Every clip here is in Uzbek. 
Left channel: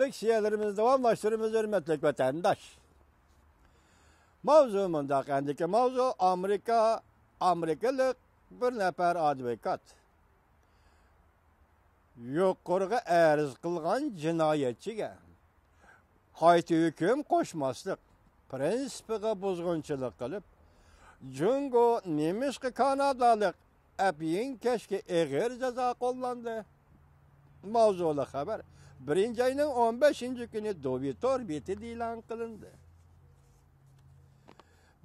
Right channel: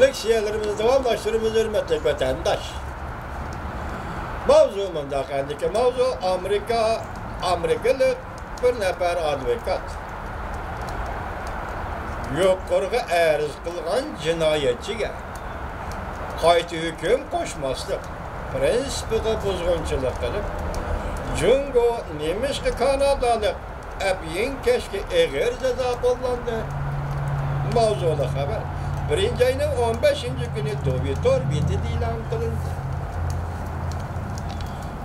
Leksiyelerimiz davamlaştırımız hürmetli vatandaş. Mavzumunda kendiki mavzu Amerikalı bir nefer advokat. Yukarıga arz kılgan cinayetçiga qayta hüküm koşmaslık, prensipiga buzg'unchilik qilib, Jungo nemişki Kanadalık abiyin keşke eğer ceza kullandı. Mavzulu haber. 1. ayının 15. günü Dovitor biti ilan kılındı.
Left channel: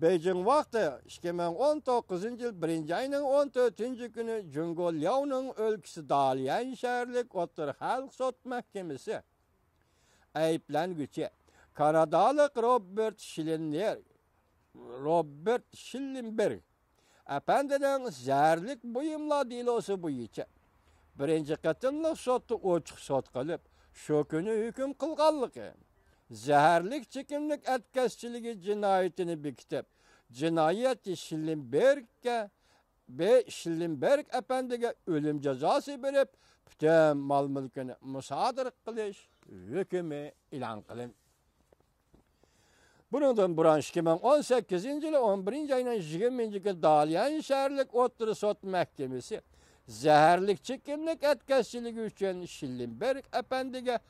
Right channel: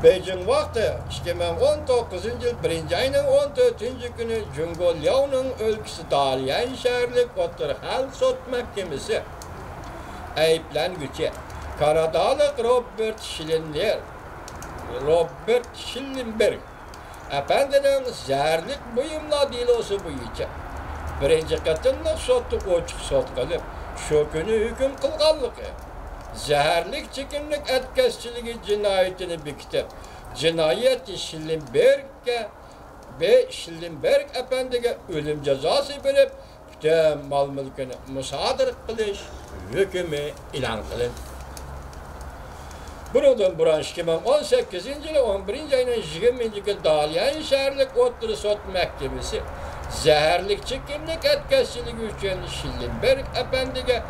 Beijing vakti 2019 yıl 1. ayının 14. günü Jungo Liao'nun ülkesi Dalian şehirlik Otur Halk Sot Mahkemesi ayıplanıcı Kanadalık Robert Schillenberg efendinin zerlik buyumla dilosu boyunca birinci katında sotu açık sot kılıp şu günü hüküm kılganlığı zehirlik çekimlik etkisçiliği cinayetini bekitip cinayeti Schillenberg efendiye ölüm cezası verip tüm mal mülkünü musadır kılış hükümü ilan kılın. Buradan buran 2018 yılı 11. ayının 20. gün Dalian şehirlik Otur Sot Mahkemesi zehirlik çekimlik etkisçiliği için Schillenberg efendiye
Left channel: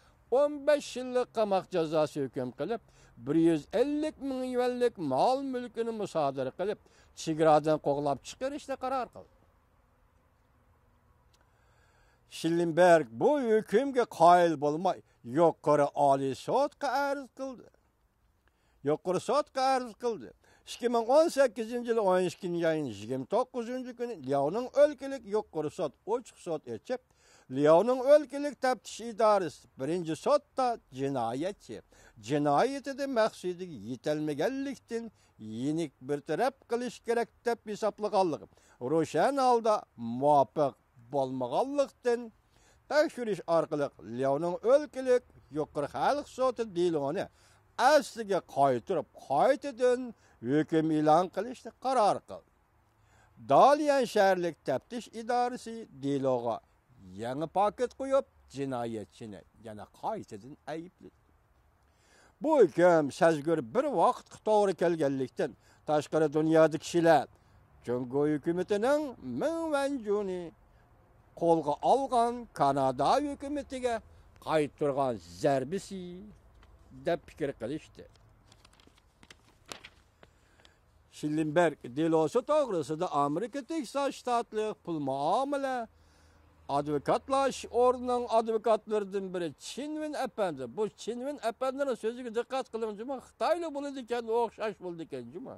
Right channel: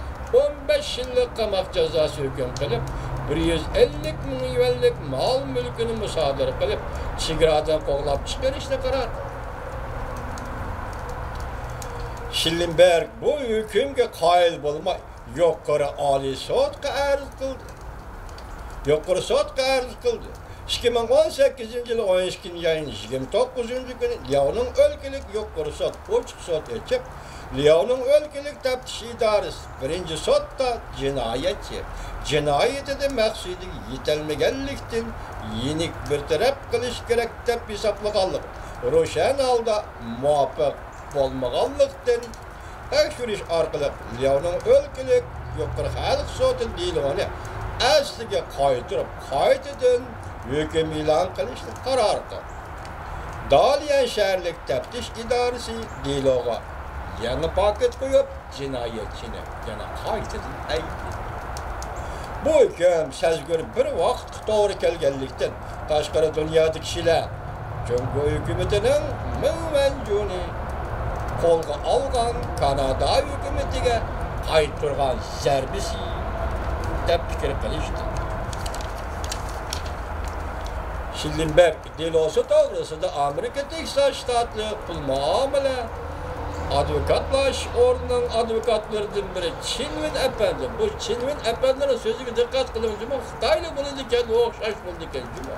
15 yıllık qamoq cezası hüküm kılıp 150 milyonlik mal mülkünü musadır kılıp çigiradan qoğlap çıkarışına karar. Schillenberg bu hükümge kail bulmay yukarı Ali Sot'a arz kıldı. Yukarı Sot'a arz kıldı. 2018 yılı 12. ayın 29. günü Liao'nun ülkelik yukarı Sot uçuk sot edip Liao'nun ülkelik teftiş idaresi 1. sotta cinayetçi. Cinayeti de maksudi yetelmegenlikten yenik bir taraf kılış gerek dep hesaplıqanlık. Roşen alda muvaffaq bolmaganlıktan tekşiriş arkalı Liao'nun ülkelik yukarı halk sotu Liao'nu asliga qaytırıp qaytadan hüküm ilan kılışlı karar kıldı. Dalian şehirlik teftiş idaresi Liao'ga yanı paket koyup cinayetçine yana qaytadan ayıptı. Bu hüküm sezgör bir vaqt doğru kelgenlikten taşqara dünyadaki kişiler Jungo hükümetinin müvencuni kolga algan Kanada hükümetiga qaytırgan zerbisi dep fikir qilishdi. Schillenberg dilosu doğrusunda Amerika Texas ştatlı pul muamele advokatlaş ordunun advokatlarından biri Çinvin Efendi. Bu Çinvin Efendi'nin sözüne dikkat kılınca Xitaylı bunu diken okşaş buldu diken cuma.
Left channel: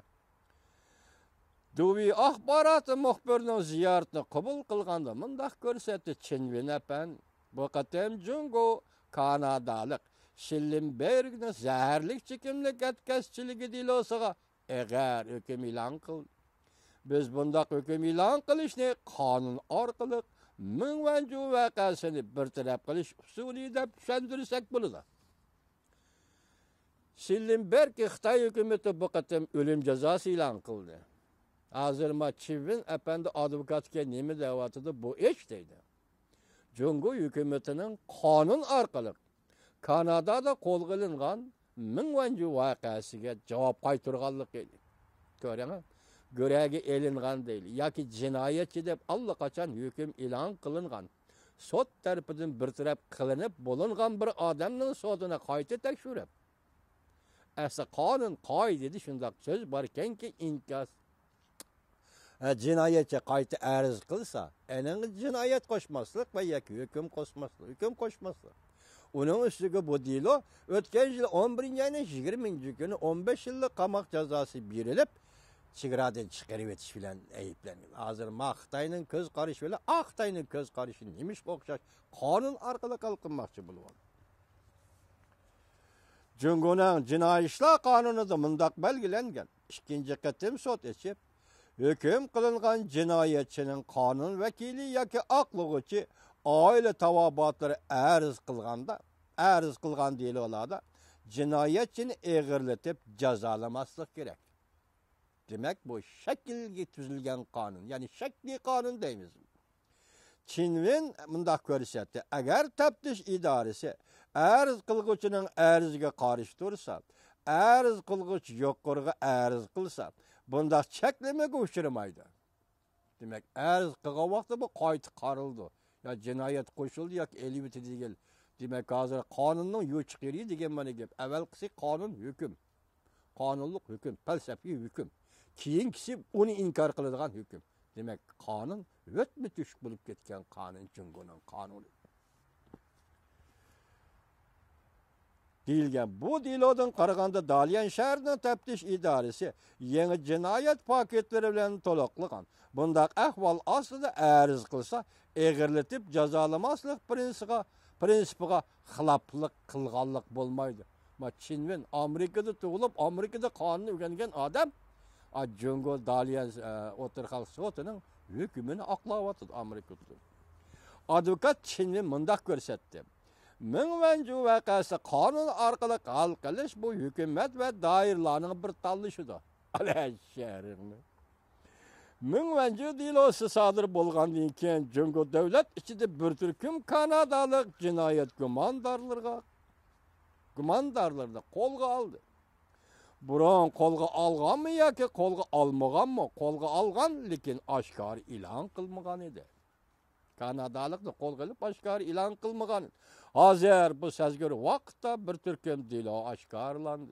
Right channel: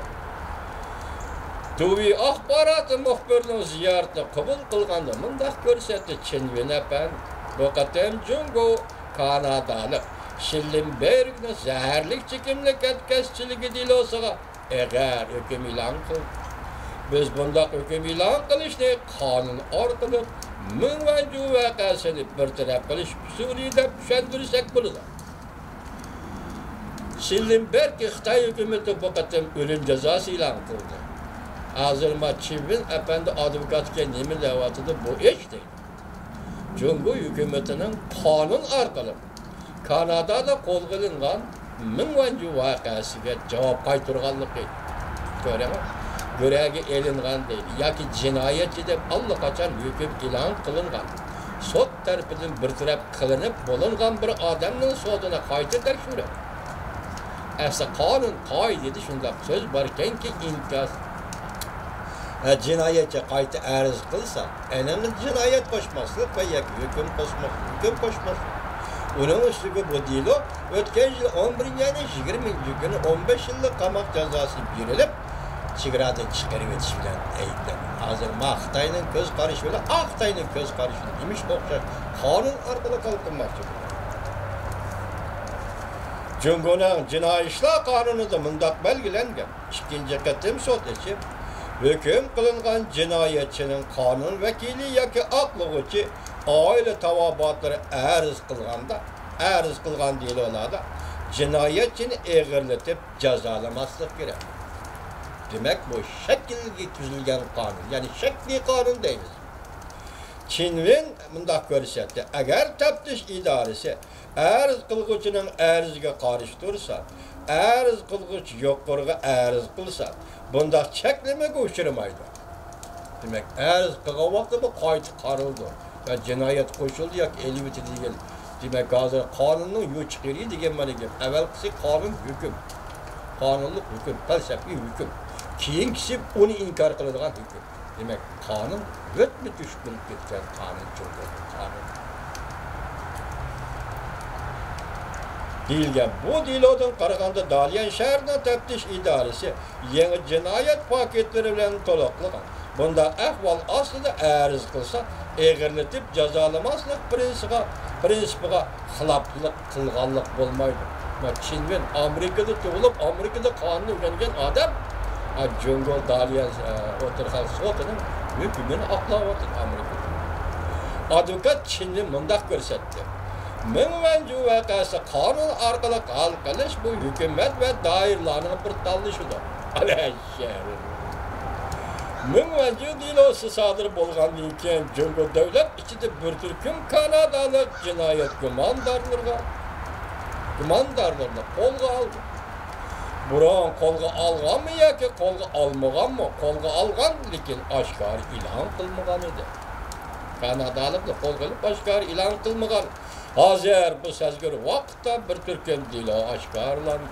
Tuvi ahbaratı muhbirinin ziyaretine kabul kılganda mındak görsetti Çinvin Efendi. Bu katem Jungo Kanadalık Schillenberg'nin zehirlik çekimlik etkisçiliği dilosuga eğer hüküm ilan kıldı. Biz bundak hüküm ilan kılışını kanun arkalı müvencu vakasını bir taraf kılış Suriye'de püşendirirsek bunu da. Schillenberg Xitay hükümeti bu katem ölüm cezası ilan kıldı. Azırma Çinvin Efendi advokatken yemin levatıda bu iş değil. Jungo hükümetinin kanun arkalı Kanada'da kol kılıngan müvencu vakasıga cevap qaytırganlık göreme. Göregi elingan değil. Yaki cinayetçi de allakaçan hüküm ilan kılıngan. Sot tarafından bir taraf kılınıp bulungan bir adamın soduna qayta tekşürü. Esa kanun kaydedi şunda söz barken ki imkaz. Cinayetçi qayta arz kılsa, önemli cinayet koşmaslık ve yaki hüküm koşmaslık. Onun üstüge bu dilo, ötken yıl 11. ayının 20. günü 15 yıllık qamoq cezası verilip, çigiradan çıkarıp yetişilen ayıplanır. Hazır Xitayning göz qarışı bilan Xitayning göz qarışı demiş o'xshash qonun orqali qalqinmoqchi. Jungoning jinoiy ishlar qonunida mundaq belgilangan. Ikkinchi qatim sud etib, hukm qilingan jinoyatchining qonun vakili yoki aqlovchi oila tavobatlari arz qilgan deyiladi. Jinoyatchini eg'irlatib jazolamaslik kerak. Demek bu şekilde tüzülgen kanun, yani şekli kanun değil. Çinvin bundaq görsetti, eğer teftiş idaresi arz qilguvchining arziga qarshi tursa, arz qilguvchi yuqoriga arz qilsa, bunda cheklamaga uchramaydi. Demak, arz qilgan vaqtda bu qayta qarildi. Ya jinoyat qo'shildi yoki elbeti degan. Demak, hozir qonunning yo'chiqiri degan mana gap. Avvalgisi qonun hukm. Qonunlik hukm, falsafiy hukm. Keyingisi uni inkor qiladigan hukm. Demak, qonun o'tmi tush bo'lib ketgan qonun qonun. Deyilgan bu delodan qaraganda Dalian shahrining taftish idorasi yangi jinoyat paketlari bilan to'liqlagan. Bunda ahvol aslida arz qilsa, eg'irlatib jazolamaslik prinsipiga xiloflik qilganlik bo'lmaydi. Çin ve Amerika'da tug'ilib, Amerika'da qonun o'rgangan odam Jungo Dalian o'tirgan sotining hukmini oqlayapti Amerikada. Advokat Çinni mundaq ko'rsatdi. Mingvanju vaqasi qonun orqali hal qilish bu hukumat va doirlarning bir tanlashidir. Mingvanju delosi sodir bo'lgandan keyin Jungo davlat ichida bir turkum Kanadalik jinoyat gumondorlarga qo'lga oldi. Burun qo'lga olganmi yoki qo'lga olmaganmi? Qo'lga olgan, lekin oshkor e'lon qilmagan edi. Kanadaliklar qo'lga olib oshkor e'lon qilmagan. Hozir bu sezgir vaqtda bir turkum dilo oshkorlandi.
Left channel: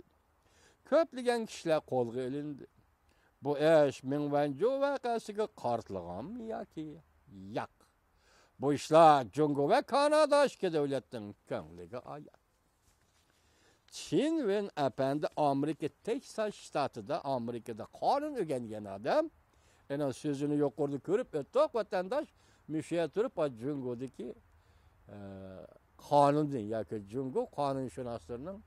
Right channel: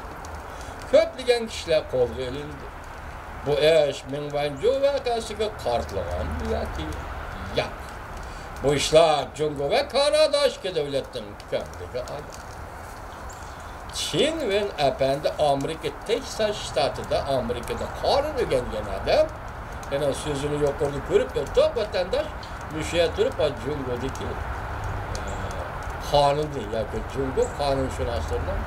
Ko'plagan kishilar qo'lga olindi. Bu ish Mingvanju vaqasiga qartlagan yoki yo'q. Bu ishlar Jungo va Kanada ishki davlatning kamligi adi. Çin ve efendi Amerika Texas ştatında Amerika'da qonun o'rgangan adam yana sözünü yuqorida ko'rib top vatandaş müşeye turib Jungo'daki qonunni yoki Jungo qonunshunoslaridan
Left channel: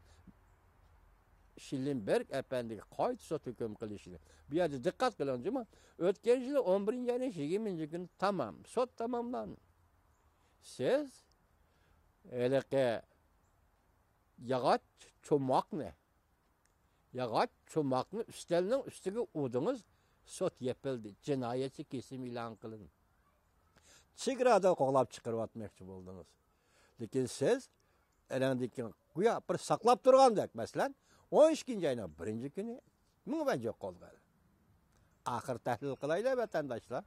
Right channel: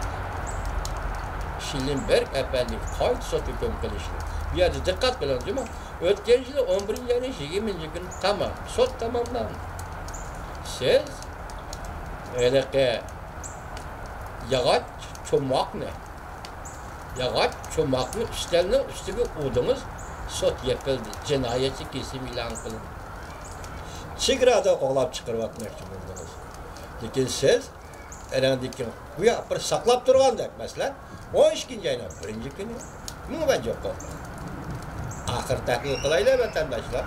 Schillenberg efendi qayta sotib qilishdi. Bu yerda diqqat bilan değil mi? O'tgan yil 11-20 kun tamam, sot tamomlandi. Siz yağaç çomakni. Yağaç çomakni üstlerine üstüge udunuz sot yapıldı. Cinayeti kesim ilan kılın. Çigrada qo'lab chiqarib atmoqchi bo'ldingiz. Lekin siz erandiki bu ya bir saqlab turgandak masalan 12-yana birinchi kuni nima jo'q qoldi. Axir tahlil qilaylar vatandoshlar.